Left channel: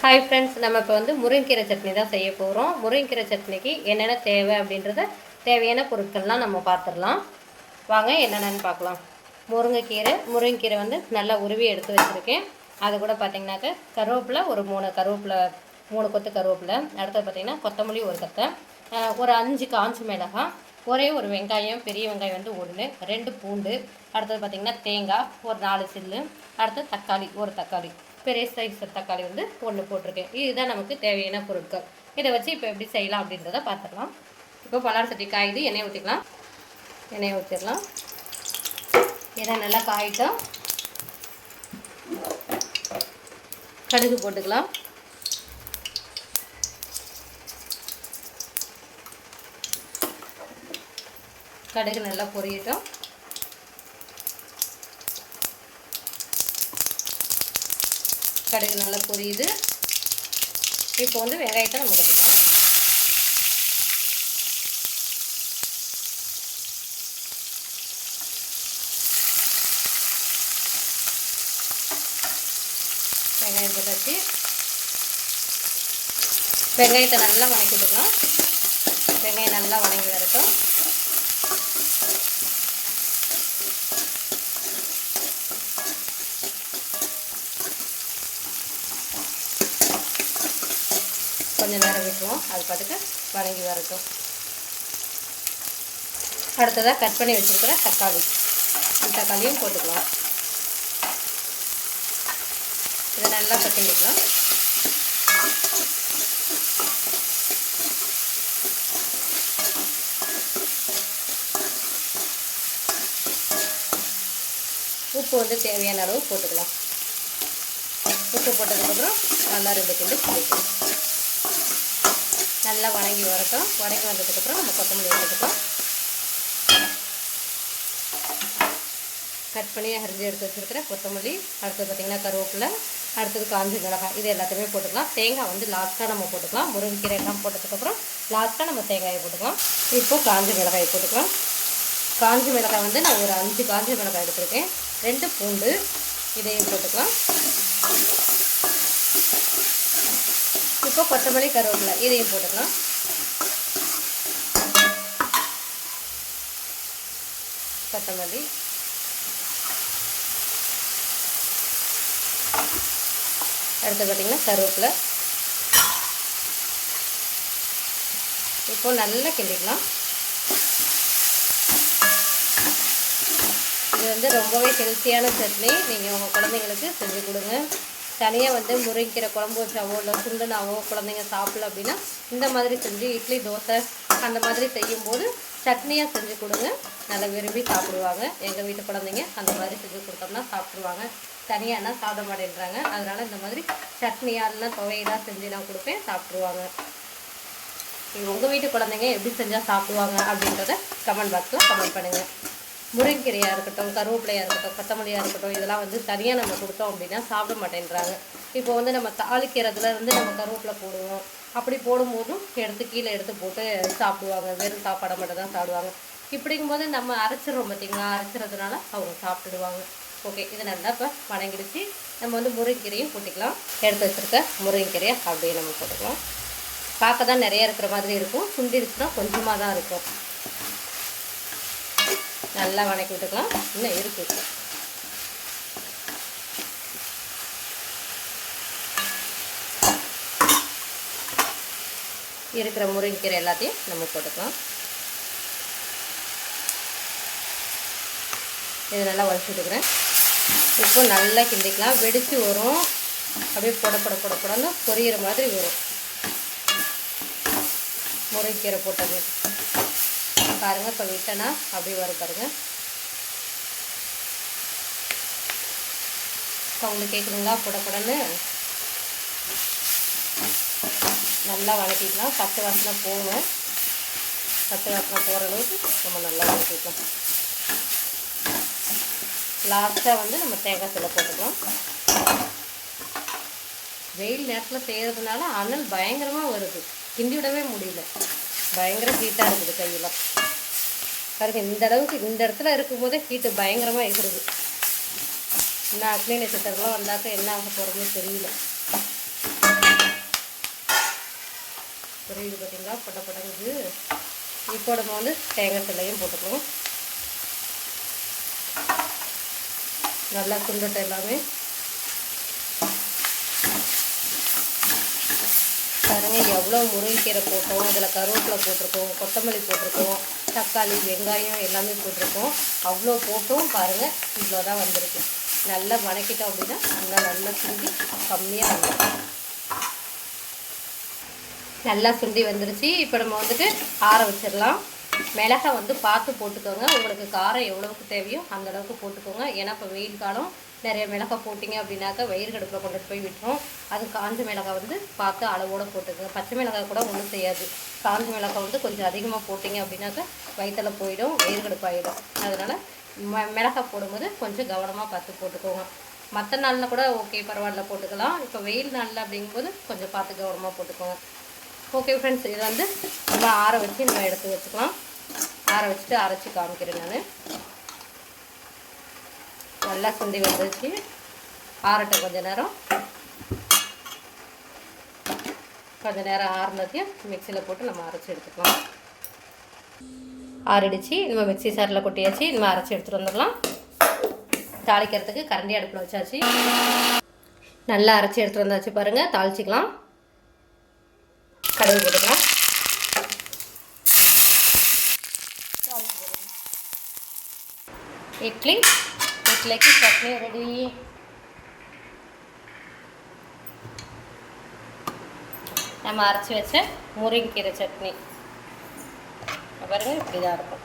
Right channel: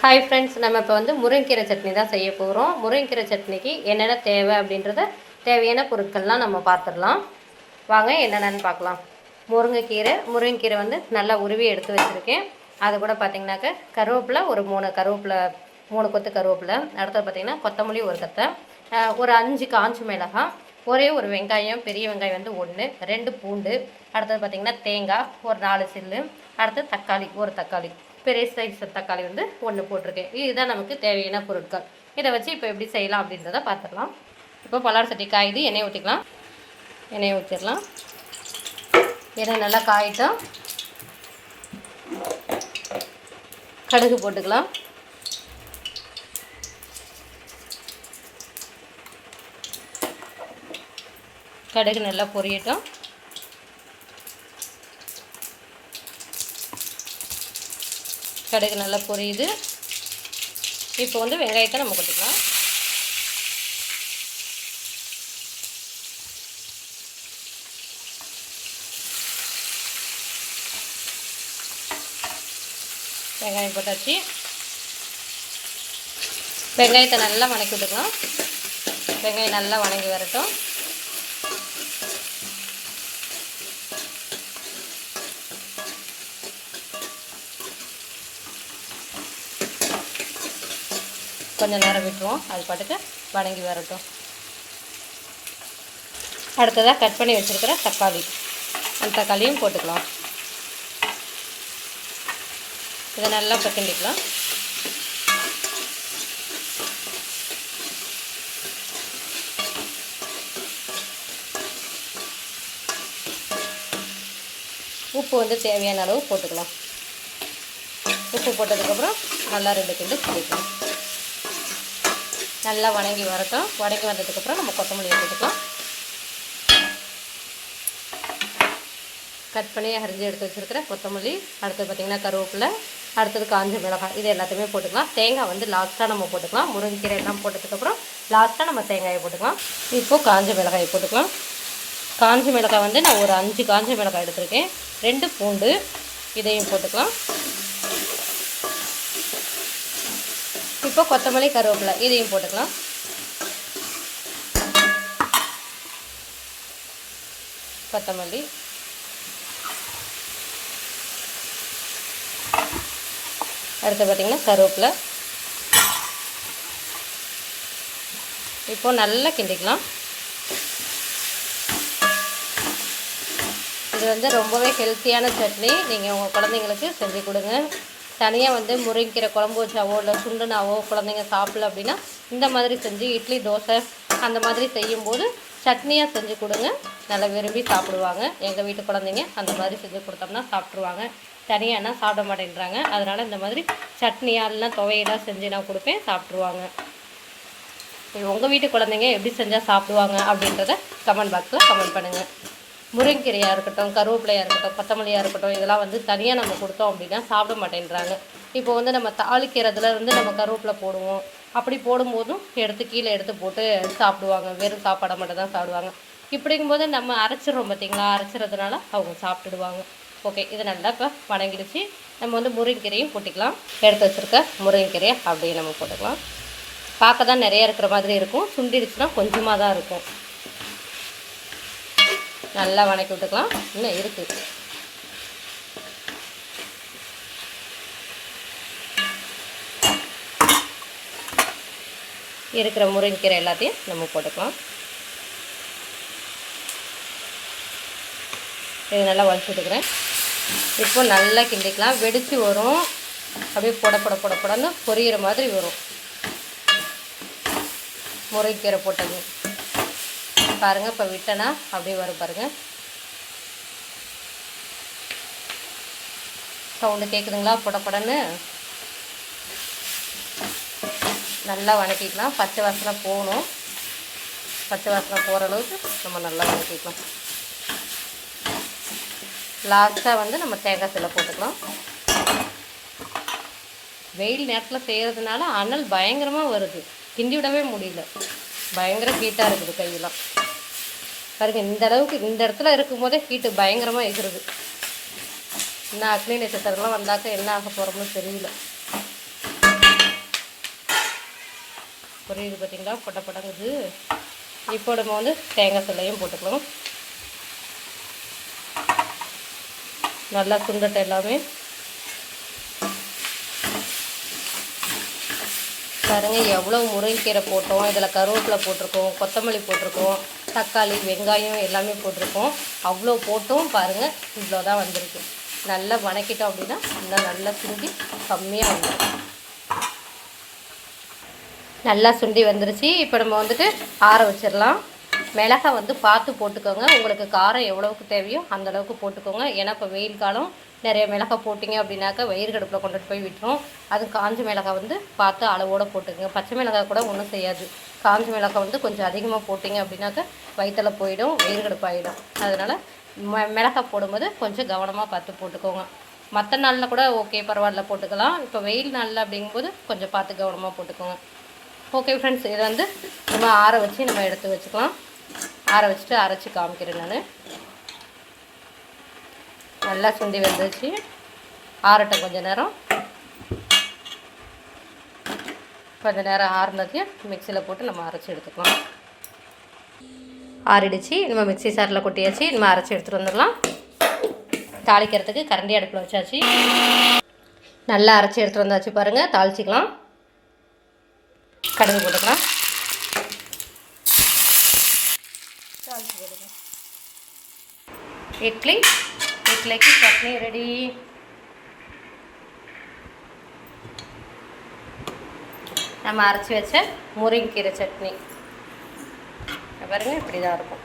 Hi friends, நம்ம இப்போ வந்து முருங்கைக்கீரை சட்னி தான் செய்ய போகிறோம். முருங்கைக்கீரை சட்னிக்கு என்னென்ன தேவை அப்படின்றத தேவையான பொருட்கள்லாம் நம்ம பார்த்துடலாம். வாங்க என்னென்னு பார்க்கலாம். முருங்கைக்கீரை வந்து நல்லா உருவி எடுத்து வச்சுருக்கேன். அது கூட பார்த்திங்கனாக்க கருவேப்பிலை ஒரு 3 கொத்து கருவேப்பிலை. அடுத்தது பார்த்திங்கன்னா கொத்தமல்லி ஒரு கத்தை, ஒரு 5 காஞ்ச மிளகாய், ஒரே ஒரு வெங்காயம், பெரிய வெங்காயம் வந்து 1, 2 பூண்டு, அடுத்தது பார்த்திங்கன்னா தேங்காய் ஒரு 4 சில்லு, அடுத்தது தக்காளி ஒரு தக்காளி, பெரிய சைஸ் தக்காளி வந்து 1 போட்டிருக்கேன். இதுதான் நமக்கு தேவையான பொருட்கள். இதை வச்சு இப்போ எப்படி செய்யலாம் அப்படின்றத பார்த்துடலாம். இப்போ பலார் சட்டி காயுது, எண்ணெய் ஊற்றிக்கலாம். எண்ணெய் ஊற்றிடலாம். எண்ணெய் நல்லா காயிட்டோம். கடுகு போட்டுக்கலாம். கடுகு நல்லா பொரியட்டும். கடுகு நல்லா பொரியுது. இப்போ வந்து வெங்காயத்தை நம்ம கொட்டிக்கலாம். வெங்காயம் போட்டாச்சு. வெங்காயத்தை நல்லா வணக்கி விட்டுக்கலாம். வெங்காயம் நல்லா வணங்கி வரட்டும். கொஞ்சம் நேரம் விட்டுருவோம், அது பாட்டுக்கு வணங்கி வரட்டும். அடுத்ததாக கட் பண்ணி வச்சுருக்கிற தக்காளி, அந்த தக்காளியும் போட்டுக்கலாம். இதை நல்லா பச்சண்டிக்கலாம். உப்பு வந்து தேவையான அளவு போட்டுக்கலாம். உப்பு போட்டதுக்கப்புறம் நல்லா 2 கிண்டு பிடிக்கணும். நல்லா வணங்கி வரட்டும். வணங்கி வந்ததுக்கப்புறம் நம்ம கொத்தமல்லி போட்டுக்கலாம். கட் பண்ணி அரிஞ்சு எடுத்து வச்சுருக்கிற கொத்தமல்லி, அடுத்தது பார்த்திங்கன்னா கருவேப்பிலை, அடுத்தது காஞ்ச மிளகாய், இது எல்லாத்தையுமே போட்டுக்கலாம். தேங்காய் வந்து லாஸ்ட்டாக நம்ம போட்டுக்கலாம். முருங்கைக்கீரை எல்லாம் போட்டதுக்கப்புறம் லாஸ்ட்டாக நம்ம தேங்காயை போட்டுக்கலாம். இப்போது காஞ்ச மிளகாயை போட்டுக்கலாம். காஞ்ச மிளகாய் வந்து நான் ஒரு 5 காஞ்ச மிளகாய் எடுத்துருக்கேன். 2 பூண்டு, இதையும் போட்டுக்கலாம். இப்போ கொத்தமல்லி கருவேப்பிலை இதையும் போட்டுக்கலாம். கொத்தமல்லி, அடுத்து பார்த்திங்கன்னா கருவேப்பிலை. இப்போ நல்லா கிண்டிக்கலாம். இது வந்து ரொம்பவே ஹெல்த்தியான சட்னி. நீங்கள் உங்கள் குழந்தைங்களுக்கு செஞ்சு கொடுங்க. தனியாக வந்து முருங்கைக்கீரை குழம்பு வச்சாவோ இல்லை சுண்டுனாவோ குழந்தைங்க சாப்பிடல அப்படின்னா இந்த மாதிரி செஞ்சு இட்லி தோசை அந்த மாதிரி செய்யும்போது சட்னியாக செஞ்சு கொடுங்க. நல்லா விரும்பி சாப்பிடுவாங்க. எங்கள் வீட்டு குழந்தைங்க அந்த மாதிரி செஞ்சு கொடுத்தோம்னா சாப்பிட்ருவாங்க. தனியானா சாப்பிட மாட்டேன்றாங்க. அதனால் இந்த மாதிரி சட்னியாக இல்லைனா துவையெல்லாம் செஞ்சு நான் கொடுப்பேன், சாப்பிட்ருவாங்க. உங்கள் வீட்டு குழந்தைங்க எப்படி செஞ்சால் சாப்பிடுவாங்க அப்படின்றத கமெண்ட் பாக்ஸில் கமெண்ட் பண்ணுங்கள். முருங்கைக்கீரையாக இருக்கட்டும், கருவேப்பிலையாக இருக்கட்டும், கொத்தமல்லியாக இருக்கட்டும், இதெல்லாம் வந்து தனியாக நம்ம கொடுத்தோம் அப்படின்னா சாப்பிட மாட்டேன்றாங்க. இப்போ வந்து நம்ம தாளிக்கிறதுலேருந்து நம்ம கருவேப்பிலை போடுவோம். அப்படி போடும்போதும் கீழே எடுத்து போட்டு சாப்பிடுவாங்க. வெறும் சாப்பாடை மட்டும் தான் சாப்பிடுவாங்க. இப்படிங்கும்போது நம்ம அரைச்சிடுறோம் பார்த்திங்களா, அரைச்சிறதுனால அவங்க சாப்பிட்டுடுவாங்க. ஓகே, இது நல்லா இப்போ வணங்கிடுச்சு. நம்ம வந்து முருங்கைக்கீரையும் போட்டுக்கலாம். எடுத்து வச்சுருக்க முருங்கைக்கீரையை அப்படியே நம்ம போட்டுக்கலாம். பார்க்க தான் நிறையா இருக்கிற மாதிரி இருக்கும், சுண்டிடுச்சுன்னா கொஞ்சமாக தான் இருக்கும். நல்லா வணக்கி விட்டுக்கலாம். இன்னும் இருக்குது. இருக்கிற முருங்கைக்கீரை எல்லாத்தையும் நம்ம போட்டுக்கலாம். இது நல்லா வதக்கி விட்டுக்கிறேன். இப்போ நல்லா கிண்டிக்கலாம். வெடித்து வரும், அப்படியே பொடன்னு பொரியிற மாதிரி வரும் முருங்கைக்கீரை போட்டது. பாருங்கள், இப்போ விட்டனா அப்படியே வரும் பாருங்கள். சவுண்டு கேட்குதுங்களா? பொடன்னு நல்லா வணக்கிக்கலாம். பச்சை வாசனை போகணும். பச்சை வாசனை போகிற அளவுக்கு நம்ம நல்லா வணக்கிக்கலாம். லாஸ்ட்டாக வந்து நம்ம தேங்காய் சில்லை போட்டுக்கலாம். வெயில் நேரத்தில் செய்கிறதுனால அனல் பயங்கரமாக வருது, கிண்டி விடவே முடியல. பயங்கர ஹீட்டாக இருக்குது கையெல்லாம். பாருங்கள், இந்த அளவுக்கு இந்த இடத்துல இருக்கும்போதே ஹீட்டு பயங்கரமாக இருக்கிறது. இன்னும் அக்னி நட்சத்திரம்லாம் வந்தாக்க என்ன ஆக போகிறோம்னு தெரியல. புரியுது பார்த்தீங்களா, பொட்ட பொட்டங்குது. இப்போ நம்ம வந்து தேங்காய் சில்லையும் போட்டுக்கலாம். நல்லா சுண்டட்டும் எல்லாமே. பாருங்கள் எவ்வளோ முருங்கைக்கீரை போட்டோம், இதில் கருவேப்பிலை போட்டிருக்கோம், கொத்தமல்லி போட்டிருக்கோம், தக்காளி வெங்காயம் எல்லாமே போட்டிருக்கோம். அவ்வளோ போட்டும் பாருங்கள் இவ்வளோ தான் வந்திருக்கு. நல்லா வணக்கிட்டோம் அப்படின்னா இன்னும் நல்லா சுண்டி கம்மியாக வந்துடும். நல்லா சுண்டி வந்துருச்சு. இப்போ நம்ம வந்துட்டு ஆற வச்சிடலாம். மிளகாய் வந்து பார்த்து போட்டுக்கோங்க. உங்களுக்கு காரம் எவ்வளோவுக்கு தேவையோ அந்தளவுக்கு போட்டுக்கோங்க. ஏன்னா இப்போ வெயில் காலம், நிறைய மிளகாய் போட்டிங்க அப்படின்னாக்கா வயிறு கடுப்பில் கொண்டுட்டு போய் விட்டுரும். அது காஞ்ச மிளகாய் வந்து பார்த்து அளவோடு போட்டுக்கோங்க. பச்சை மிளகாய் கூட ஒன்றும் செய்யாது. காஞ்ச மிளகாய் வந்து கொஞ்சம் அதிகமாக போட்டிங்க அப்படின்னாக்கா வயிற்றில் போயிடும், வயிறு கடுப்பாயிடும். அதனால் மிளகாய் போடும்போது கொஞ்சம் கவனமாக பார்த்து போட்டுக்கோங்க. மற்ற நாளில் கூட ஓகே பரவாயில்ல போட்டுக்கலாம். இப்போ வெயில் நாளில் அப்படிங்கும்போது கொஞ்சம் பார்த்து கவனமாக போட்டுக்கோங்க. ஓகே ஃப்ரெண்ட்ஸ், இதை வந்து நம்ம ஆற வச்சு நம்ம எடுத்து வச்சுக்கலாம். ஆற வச்சுட்டு அரைச்சி காமிக்கிறேன் நான். நல்லா சுண்டி வந்துச்சு. ஆறட்டும் கொஞ்சம் நேரம். கொஞ்சம் நேரம் ஆறுனதையும் மிக்சியில் போட்டு நம்ம அரைச்சி எடுத்துக்கலாம். ஆறிடுச்சு. நம்ம மிக்சி சாரில் கொட்டியாச்சு. நம்ம அரைச்சி எடுத்துகிட்டு வந்துடலாம். தாளிக்கிறதுக்கு கரண்டி அடுப்பில் வச்சாச்சு. நல்லா அரைச்சி எடுத்துகிட்டு வந்தாச்சு பாருங்கள். தாளிச்சிக்கலாம். கடுகு போட்டுக்கலாம். இட்லிக்கு சட்னி ரெடி. நம்ம அரைச்சி வச்ச முருங்கைக்கீரை சட்னி பாருங்கள், இப்படி தான் இருக்கும்.